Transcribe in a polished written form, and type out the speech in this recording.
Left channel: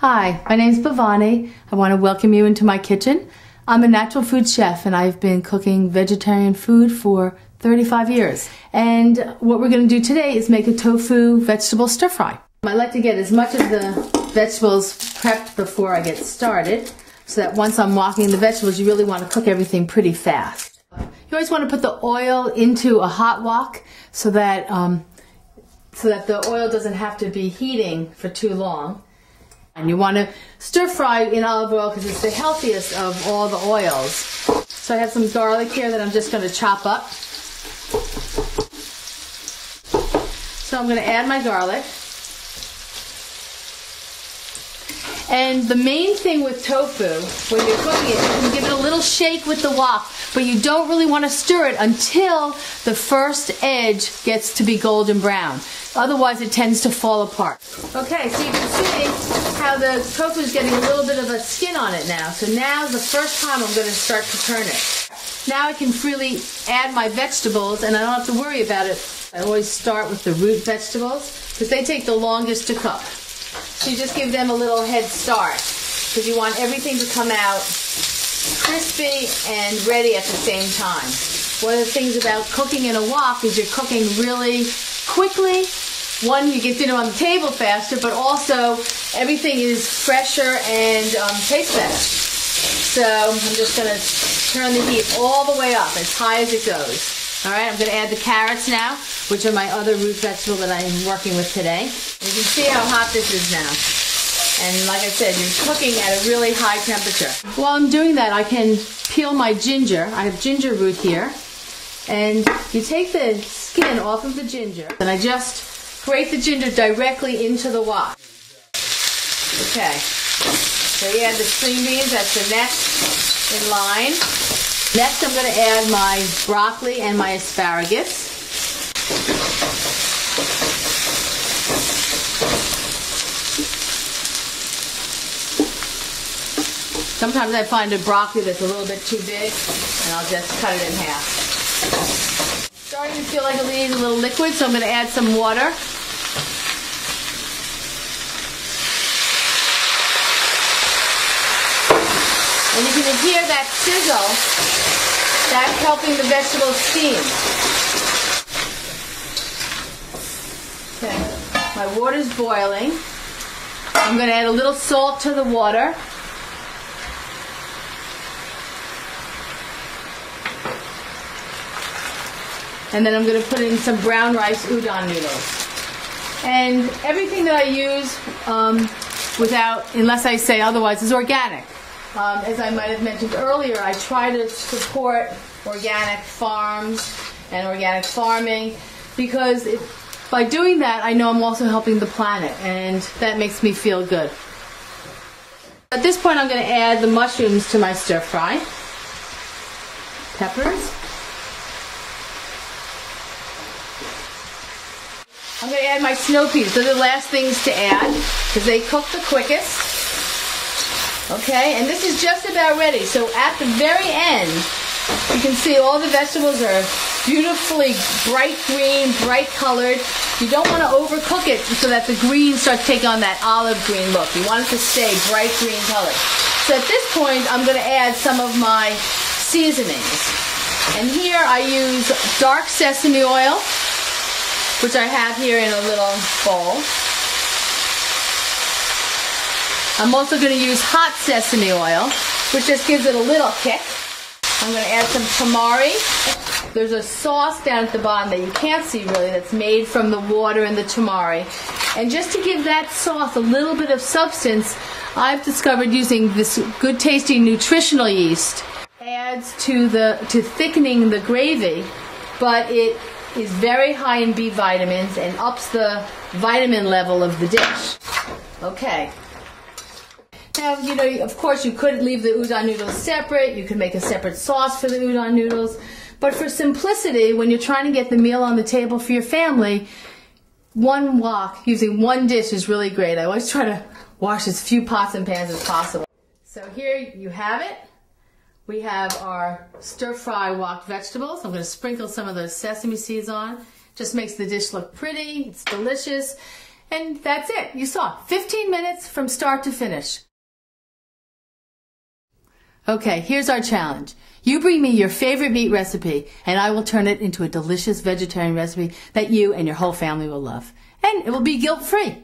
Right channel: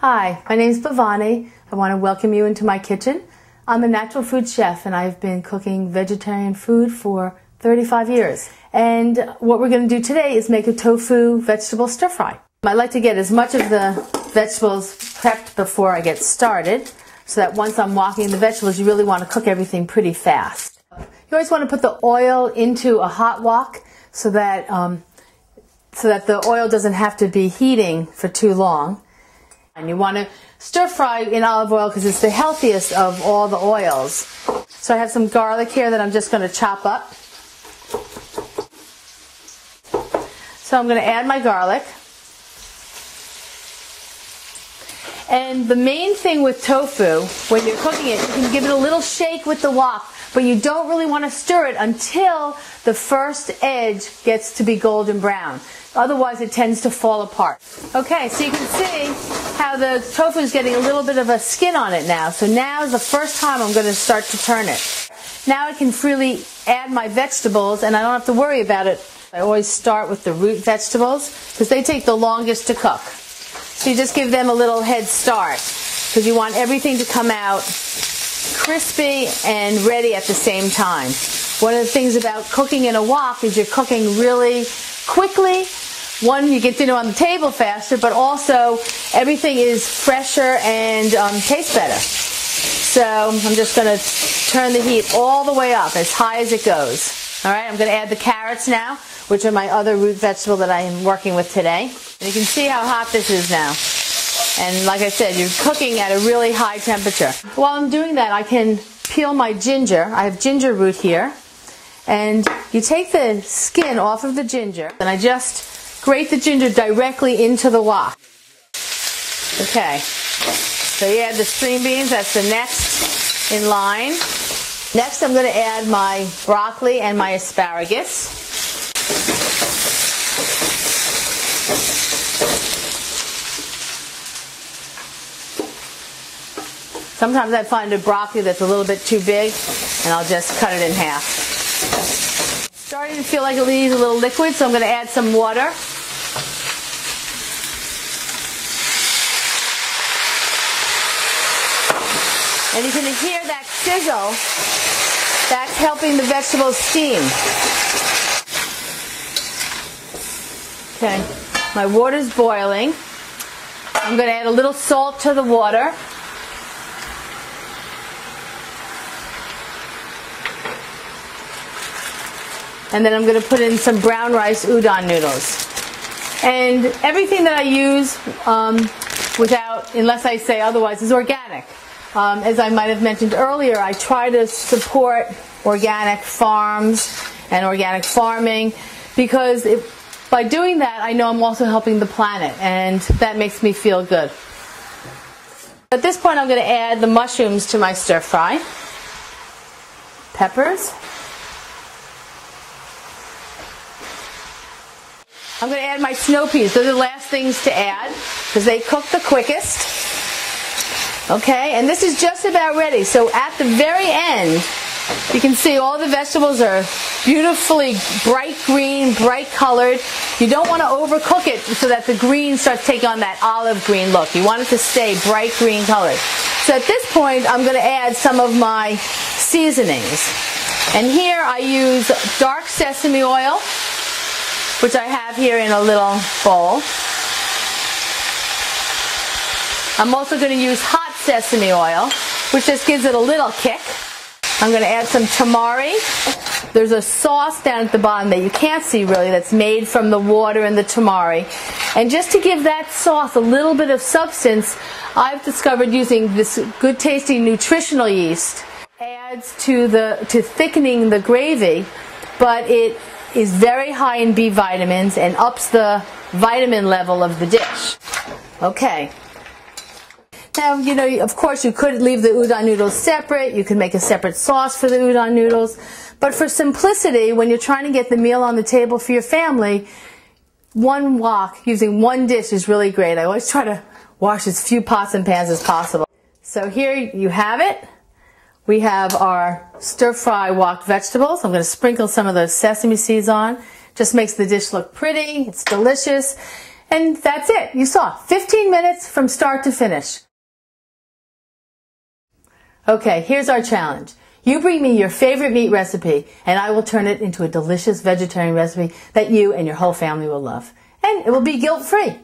Hi, my name is Bhavani. I want to welcome you into my kitchen. I'm a natural food chef and I've been cooking vegetarian food for 35 years. And what we're going to do today is make a tofu vegetable stir fry. I like to get as much of the vegetables prepped before I get started so that once I'm wokking the vegetables, you really want to cook everything pretty fast. You always want to put the oil into a hot wok so that the oil doesn't have to be heating for too long. And you want to stir fry in olive oil because it's the healthiest of all the oils. So I have some garlic here that I'm just going to chop up. So I'm going to add my garlic. And the main thing with tofu, when you're cooking it, you can give it a little shake with the wok, but you don't really want to stir it until the first edge gets to be golden brown. Otherwise, it tends to fall apart. Okay, so you can see how the tofu is getting a little bit of a skin on it now. So now is the first time I'm going to start to turn it. Now I can freely add my vegetables, and I don't have to worry about it. I always start with the root vegetables because they take the longest to cook. So you just give them a little head start because you want everything to come out crispy and ready at the same time. One of the things about cooking in a wok is you're cooking really quickly. One, you get dinner on the table faster, but also everything is fresher and tastes better. So I'm just going to turn the heat all the way up as high as it goes. All right, I'm going to add the carrots now, which are my other root vegetable that I'm working with today. You can see how hot this is now. And like I said, you're cooking at a really high temperature. While I'm doing that, I can peel my ginger. I have ginger root here. And you take the skin off of the ginger, and I just grate the ginger directly into the wok. Okay, so you add the string beans, that's the next in line. Next I'm going to add my broccoli and my asparagus. Sometimes I find a broccoli that's a little bit too big, and I'll just cut it in half. Starting to feel like it needs a little liquid, so I'm going to add some water. And you can just hear that sizzle. That's helping the vegetables steam. Okay, my water's boiling. I'm going to add a little salt to the water. And then I'm going to put in some brown rice udon noodles. And everything that I use, unless I say otherwise, is organic. As I might have mentioned earlier, I try to support organic farms and organic farming because by doing that, I know I'm also helping the planet, and that makes me feel good. At this point, I'm going to add the mushrooms to my stir fry. Peppers. I'm going to add my snow peas. Those are the last things to add because they cook the quickest. Okay, and this is just about ready. So at the very end, you can see all the vegetables are beautifully bright green, bright colored. You don't want to overcook it so that the green starts taking on that olive green look. You want it to stay bright green colored. So at this point, I'm going to add some of my seasonings. And here I use dark sesame oil, which I have here in a little bowl. I'm also going to use hot sesame oil, which just gives it a little kick. I'm going to add some tamari. There's a sauce down at the bottom that you can't see really that's made from the water and the tamari. And just to give that sauce a little bit of substance, I've discovered using this good tasting nutritional yeast. Adds to thickening the gravy, but it is very high in B vitamins and ups the vitamin level of the dish. Okay. Now, you know, of course you could leave the udon noodles separate. You could make a separate sauce for the udon noodles. But for simplicity, when you're trying to get the meal on the table for your family, one wok using one dish is really great. I always try to wash as few pots and pans as possible. So here you have it. We have our stir-fry wok vegetables. I'm going to sprinkle some of the sesame seeds on. Just makes the dish look pretty. It's delicious. And that's it. You saw 15 minutes from start to finish. Okay, here's our challenge. You bring me your favorite meat recipe, and I will turn it into a delicious vegetarian recipe that you and your whole family will love. And it will be guilt-free.